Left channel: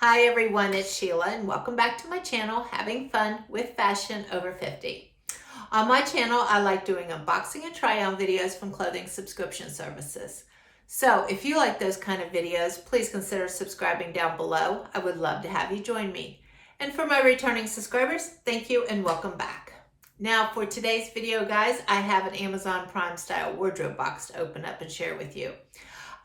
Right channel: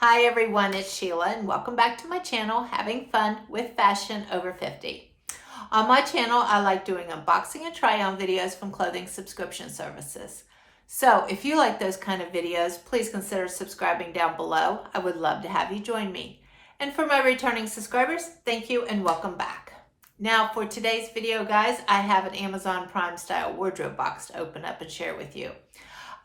Hi everyone, it's Sheila and welcome back to my channel, Having Fun with Fashion Over 50. On my channel, I like doing unboxing and try-on videos from clothing subscription services. So if you like those kind of videos, please consider subscribing down below. I would love to have you join me. And for my returning subscribers, thank you and welcome back. Now for today's video, guys, I have an Amazon Prime style wardrobe box to open up and share with you.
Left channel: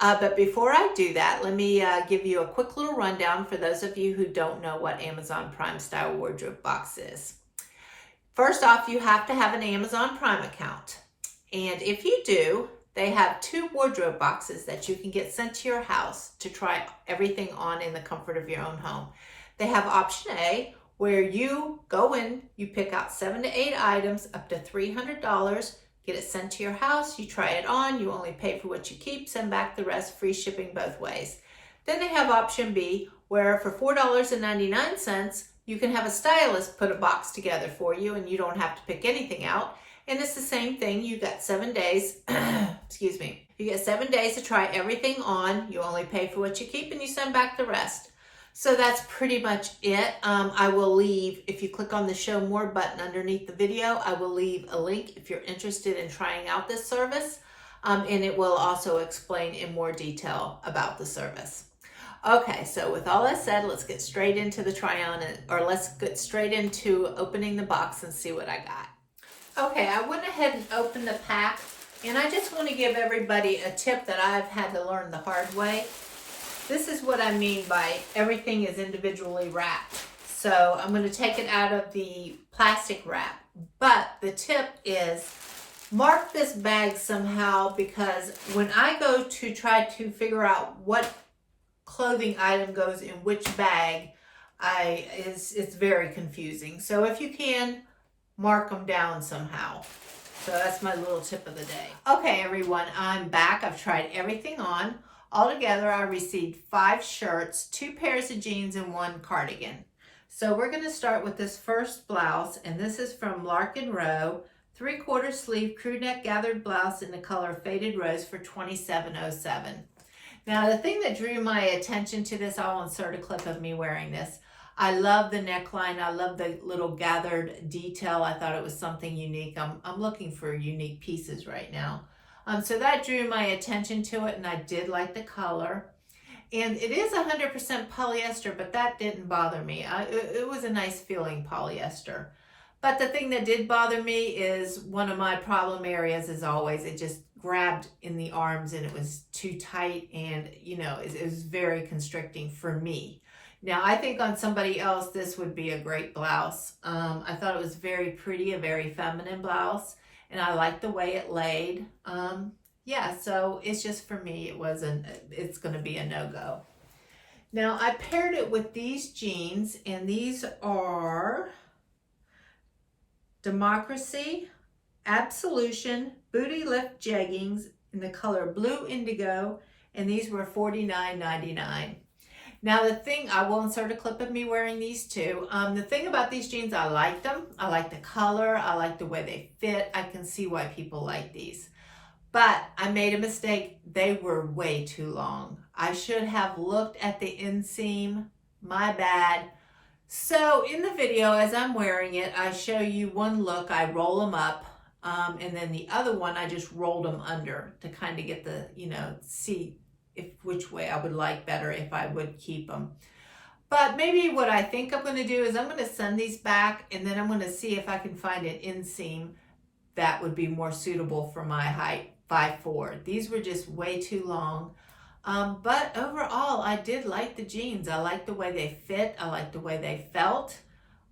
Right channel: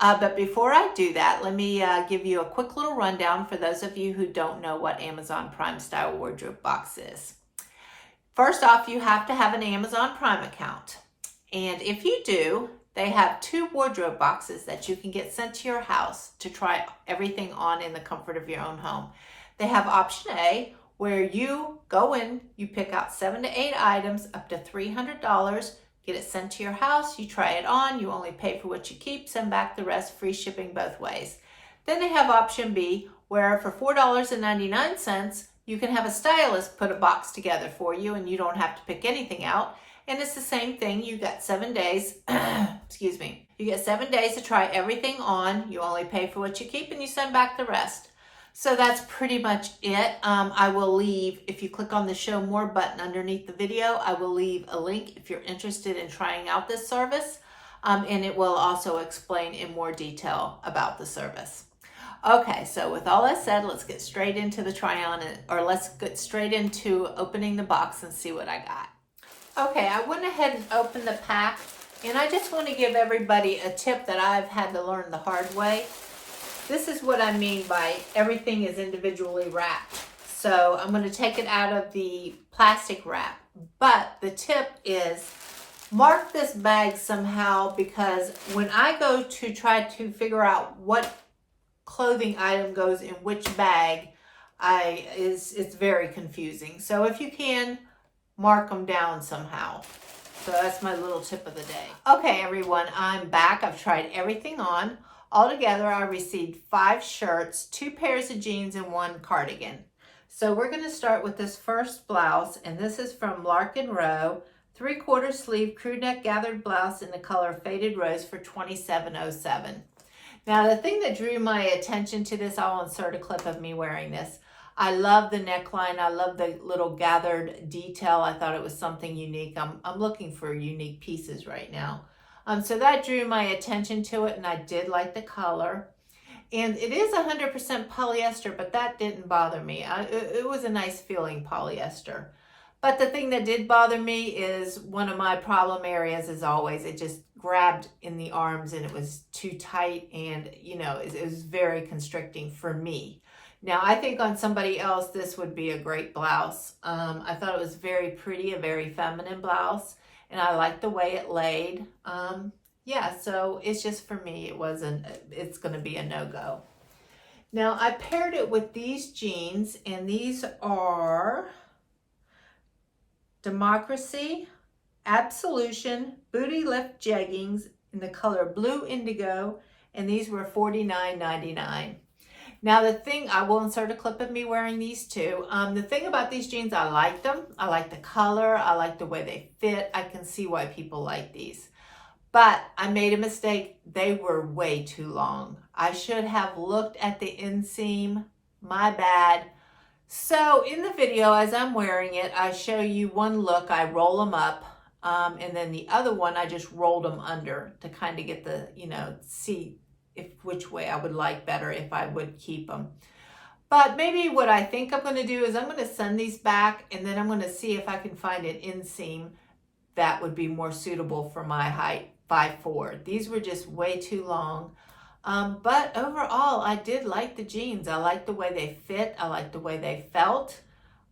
But before I do that, let me give you a quick little rundown for those of you who don't know what Amazon Prime style wardrobe box is. First off, you have to have an Amazon Prime account. And if you do, they have 2 wardrobe boxes that you can get sent to your house to try everything on in the comfort of your own home. They have option A, where you go in, you pick out 7 to 8 items up to $300, get it sent to your house, you try it on, you only pay for what you keep, send back the rest, free shipping both ways. Then they have option B, where for $4.99, you can have a stylist put a box together for you and you don't have to pick anything out. And it's the same thing, you got 7 days, excuse me, you get 7 days to try everything on, you only pay for what you keep and you send back the rest. So that's pretty much it. I will leave, if you click on the show more button underneath the video, I will leave a link if you're interested in trying out this service. And it will also explain in more detail about the service. Okay, so with all that said, let's get straight into the try on, or let's get straight into opening the box and see what I got. Okay, I went ahead and opened the pack, and I just want to give everybody a tip that I've had to learn the hard way. This is what I mean by everything is individually wrapped. So I'm going to take it out of the plastic wrap. But the tip is mark this bag somehow, because when I go to try to figure out what clothing item goes in which bag, it's very confusing. So if you can, mark them down somehow. So that's my little tip of the day. Okay, everyone, I'm back. I've tried everything on. Altogether, I received 5 shirts, 2 pairs of jeans, and 1 cardigan. So we're going to start with this first blouse, and this is from Larkin Row, 3/4 sleeve crew neck gathered blouse in the color Faded Rose for $27.07. Now, the thing that drew my attention to this, I'll insert a clip of me wearing this. I love the neckline. I love the little gathered detail. I thought it was something unique. I'm looking for unique pieces right now. So that drew my attention to it, and I did like the color. And it is 100% polyester, but that didn't bother me. It was a nice feeling polyester. But the thing that did bother me is one of my problem areas, as always, it just grabbed in the arms and it was too tight, and it was very constricting for me. Now, I think on somebody else, this would be a great blouse. I thought it was very pretty, a very feminine blouse. And I like the way it laid. Yeah, so it's just for me, it's going to be a no-go. Now, I paired it with these jeans, and these are Democracy Absolution Booty Lift Jeggings in the color Blue Indigo, and these were $49.99. Now, the thing, I will insert a clip of me wearing these too. The thing about these jeans, I liked them. I like the color. I like the way they fit. I can see why people like these. But I made a mistake. They were way too long. I should have looked at the inseam. My bad. So in the video, as I'm wearing it, I show you one look. I roll them up. And then the other one, I just rolled them under to kind of get the, see which way I would like better if I would keep them. But maybe what I think I'm going to do is I'm going to send these back, and then I'm going to see if I can find an inseam that would be more suitable for my height, 5'4". These were just way too long. But overall, I did like the jeans. I like the way they fit. I like the way they felt.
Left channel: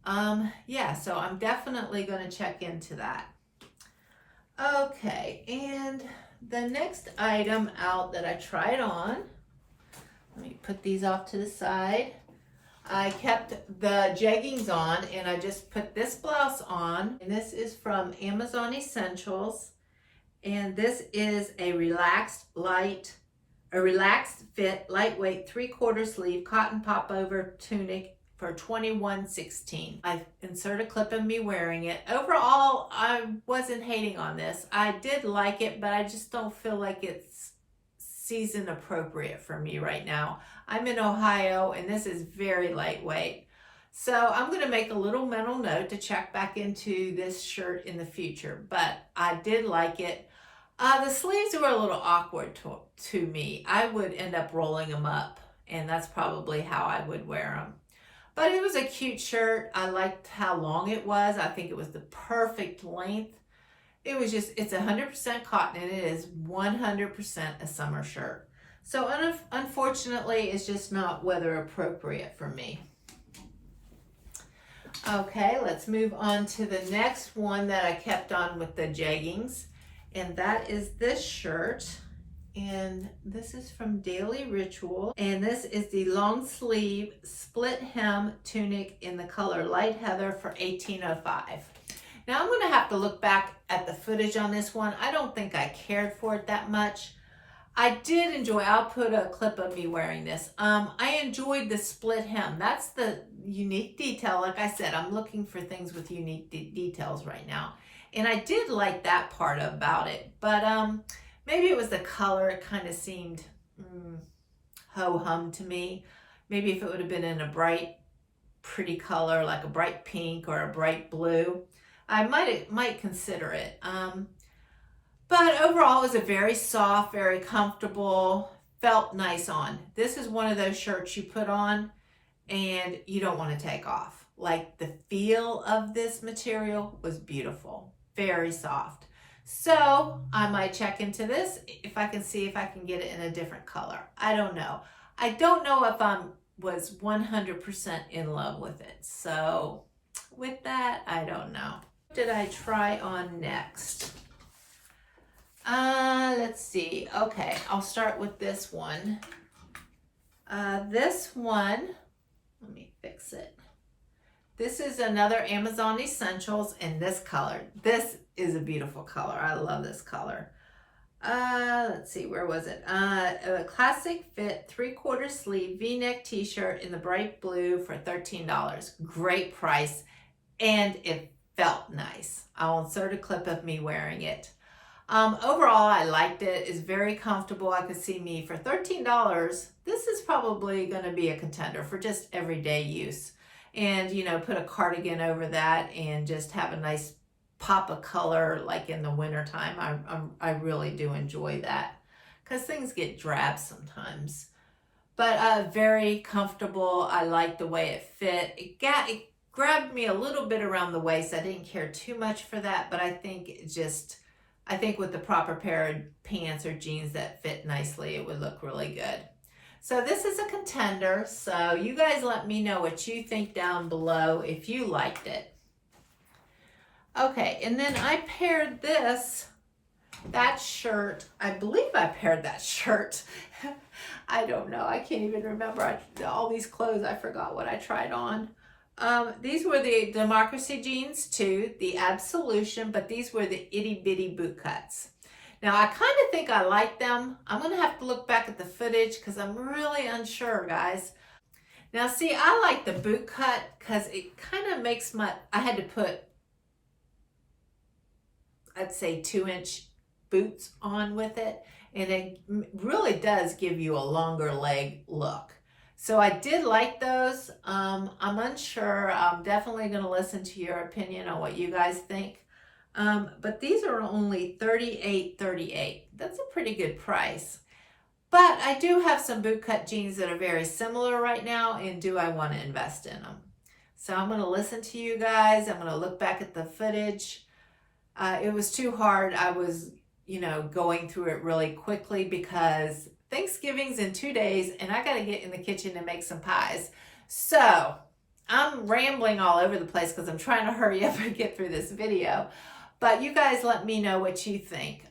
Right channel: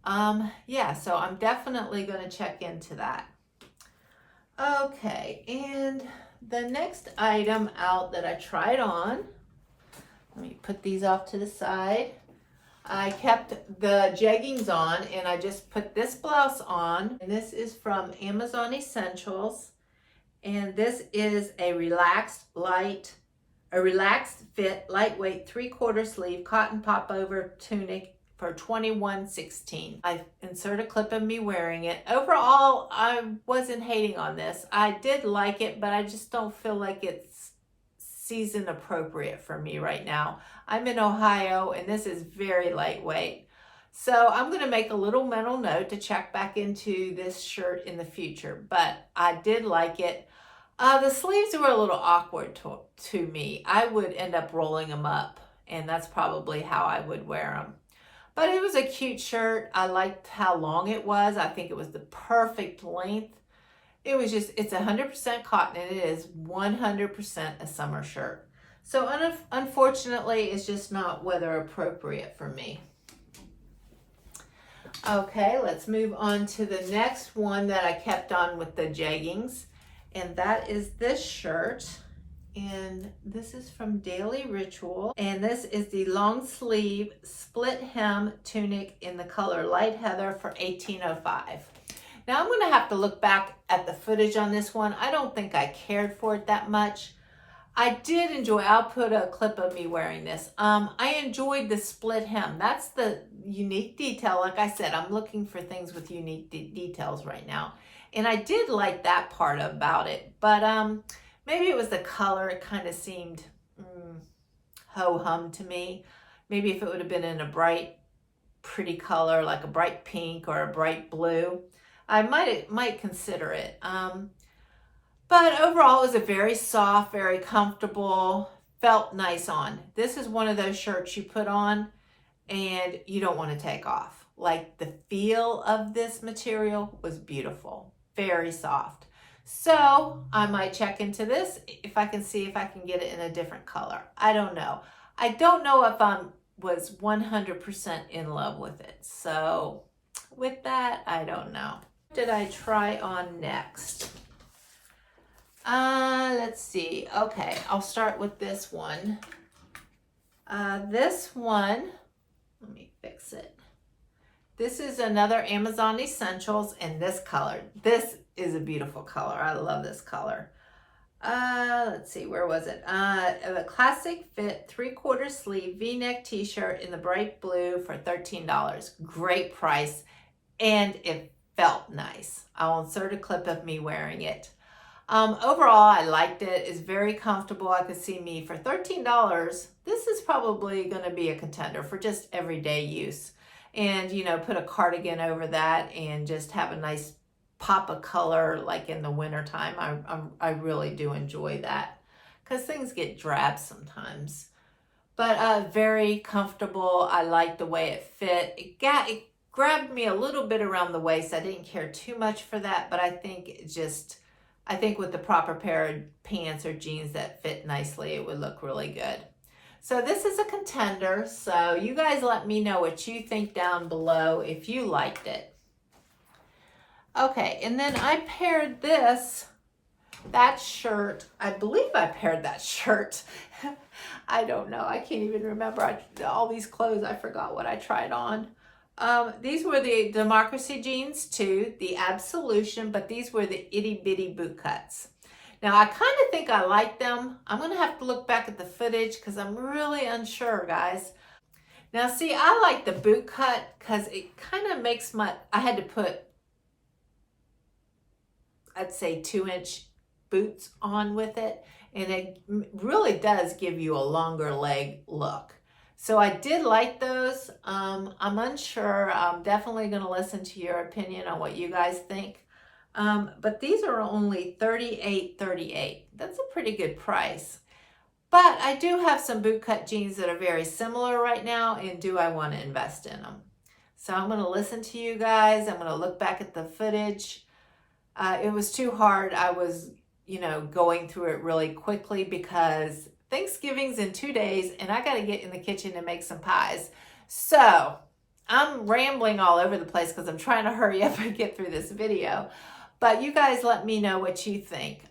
Yeah, so I'm definitely going to check into that. Okay, and the next item out that I tried on, let me put these off to the side. I kept the jeggings on, and I just put this blouse on, and this is from Amazon Essentials, and this is a relaxed fit, lightweight 3/4 sleeve cotton popover tunic for $21.16. I insert a clip of me wearing it. Overall, I wasn't hating on this. I did like it, but I just don't feel like it's season appropriate for me right now. I'm in Ohio and this is very lightweight. So I'm going to make a little mental note to check back into this shirt in the future, but I did like it. The sleeves were a little awkward to me. I would end up rolling them up, and that's probably how I would wear them. But it was a cute shirt. I liked how long it was. I think it was the perfect length. It was just, it's 100% cotton and it is 100% a summer shirt. So unfortunately, it's just not weather appropriate for me. Okay, let's move on to the next one that I kept on with the jeggings. And that is this shirt. And this is from Daily Ritual. And this is the long sleeve split hem tunic in the color light heather for $18.05. Now I'm going to have to look back at the footage on this one. I don't think I cared for it that much. I did enjoy, I'll put a clip of me wearing this. I enjoyed the split hem. That's the unique detail. Like I said, I'm looking for things with unique details right now. And I did like that part about it. But maybe it was the color. It kind of seemed ho-hum to me. Maybe if it would have been in a bright, pretty color, like a bright pink or a bright blue, I might consider it. But overall, it was a very soft, very comfortable, felt nice on. This is one of those shirts you put on and you don't want to take off. Like the feel of this material was beautiful, very soft. So I might check into this if I can see if I can get it in a different color. I don't know. I don't know if I was 100% in love with it. So with that, I don't know. What did I try on next? Let's see. Okay, I'll start with this one. This one, let me fix it. This is another Amazon Essentials in this color. This is a beautiful color. I love this color. Let's see, where was it? A classic fit 3/4 sleeve V-neck t-shirt in the bright blue for $13. Great price, and it felt nice. I'll insert a clip of me wearing it. Overall, I liked it. It's very comfortable. I could see me for $13. This is probably going to be a contender for just everyday use. And, you know, put a cardigan over that and just have a nice pop of color like in the wintertime. I really do enjoy that because things get drab sometimes. But very comfortable. I like the way it fit. It grabbed me a little bit around the waist. I didn't care too much for that, but I think with the proper pair of pants or jeans that fit nicely, it would look really good. So this is a contender. So you guys let me know what you think down below if you liked it. Okay, and then I paired that shirt. I believe I paired that shirt. I don't know. I can't even remember. All these clothes, I forgot what I tried on. These were the Democracy jeans too, the Absolution, but these were the itty bitty boot cuts. Now I kind of think I like them. I'm going to have to look back at the footage because I'm really unsure, guys. Now see, I like the boot cut because it kind of makes I had to put, I'd say 2-inch boots on with it. And it really does give you a longer leg look. So I did like those. I'm unsure. I'm definitely going to listen to your opinion on what you guys think. But these are only $38.38. That's a pretty good price. But I do have some bootcut jeans that are very similar right now, and do I want to invest in them? So I'm going to listen to you guys. I'm going to look back at the footage. It was too hard. I was, going through it really quickly because Thanksgiving's in 2 days and I got to get in the kitchen and make some pies. So I'm rambling all over the place because I'm trying to hurry up and get through this video. But you guys let me know what you think.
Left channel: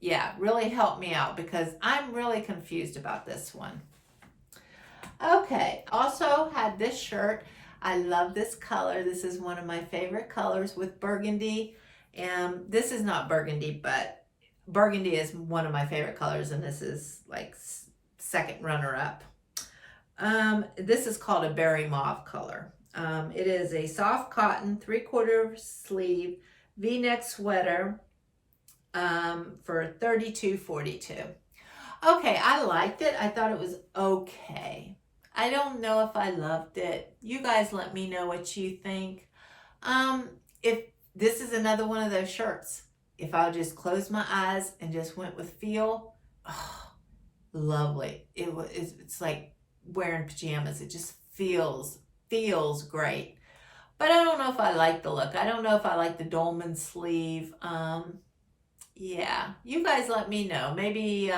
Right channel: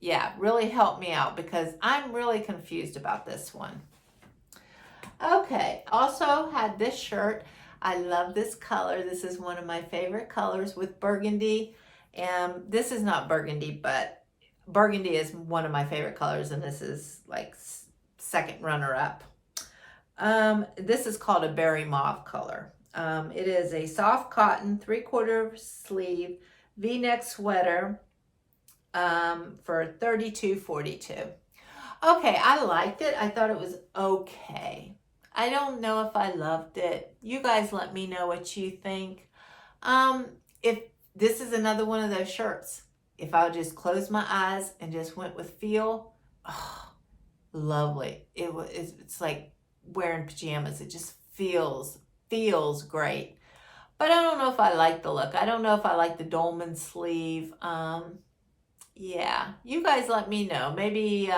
Yeah, really help me out because I'm really confused about this one. Okay, also had this shirt. I love this color. This is one of my favorite colors with burgundy. And this is not burgundy, but burgundy is one of my favorite colors, and this is like second runner-up. This is called a berry mauve color. It is a soft cotton 3/4 sleeve V-neck sweater for $32.42. Okay, I liked it. I thought it was okay. I don't know if I loved it. You guys let me know what you think. If this is another one of those shirts, if I just closed my eyes and just went with feel, oh, lovely. It's like wearing pajamas. It just feels great. But I don't know if I like the look. I don't know if I like the dolman sleeve. Yeah, you guys let me know. Maybe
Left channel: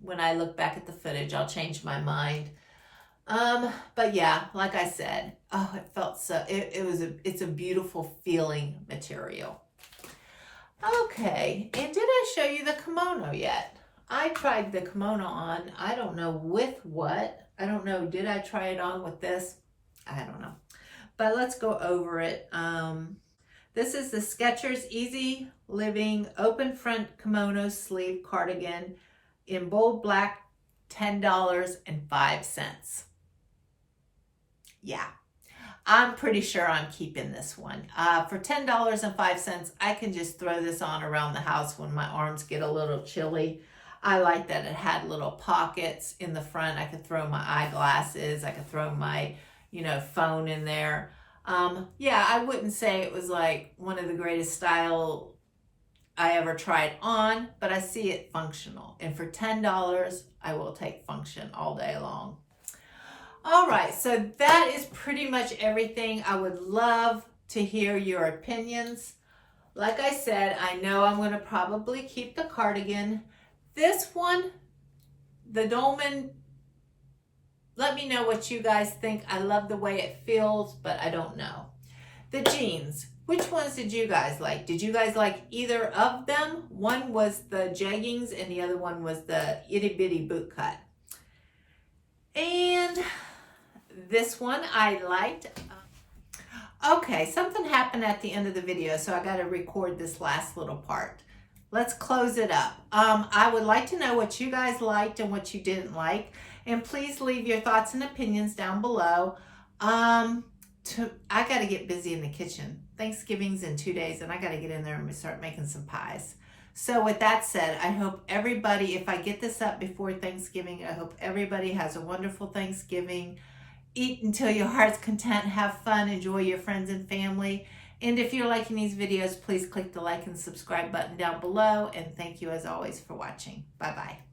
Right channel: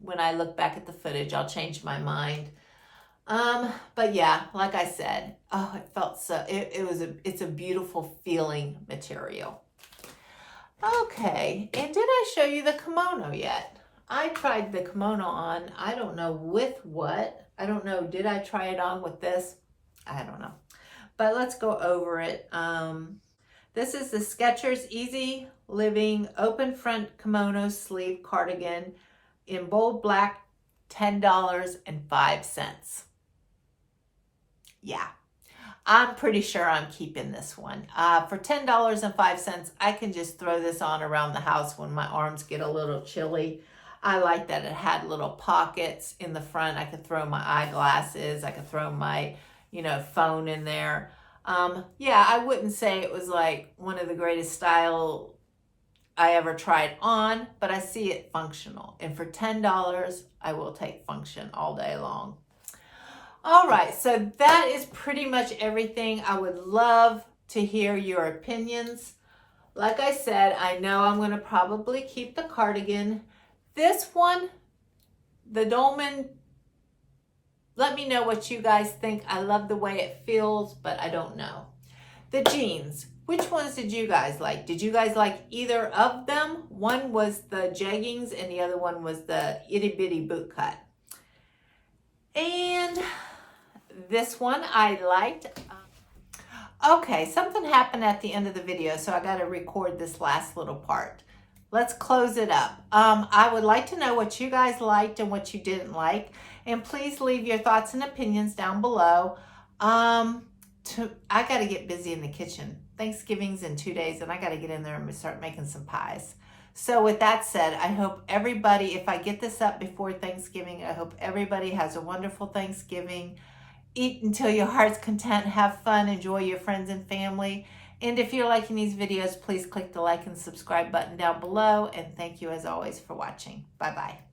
when I look back at the footage, I'll change my mind. But yeah, like I said, oh, it felt so, it's a beautiful feeling material. Okay, and did I show you the kimono yet? I tried the kimono on, I don't know with what. I don't know, did I try it on with this? I don't know. But let's go over it. This is the Skechers Easy Living Open Front Kimono Sleeve Cardigan in bold black, $10.05. Yeah, I'm pretty sure I'm keeping this one. For $10.05, I can just throw this on around the house when my arms get a little chilly. I like that it had little pockets in the front. I could throw my eyeglasses. I could throw my, phone in there. Yeah, I wouldn't say it was like one of the greatest style I ever tried on, but I see it functional. And for $10, I will take function all day long. All right, so that is pretty much everything. I would love to hear your opinions. Like I said, I know I'm going to probably keep the cardigan. This one, the dolman, let me know what you guys think. I love the way it feels, but I don't know. The jeans, which ones did you guys like? Did you guys like either of them? One was the jeggings and the other one was the itty bitty boot cut. And this one I liked. Okay, something happened at the end of the video, so I got to record this last little part. Let's close it up. I would like to know what you guys liked and what you didn't like. And please leave your thoughts and opinions down below. I got to get busy in the kitchen. Thanksgiving's in 2 days, and I got to get in there and start making some pies. So with that said, I hope everybody, if I get this up before Thanksgiving, I hope everybody has a wonderful Thanksgiving. Eat until your heart's content, have fun, enjoy your friends and family. And if you're liking these videos, please click the like and subscribe button down below. And thank you as always for watching. Bye-bye.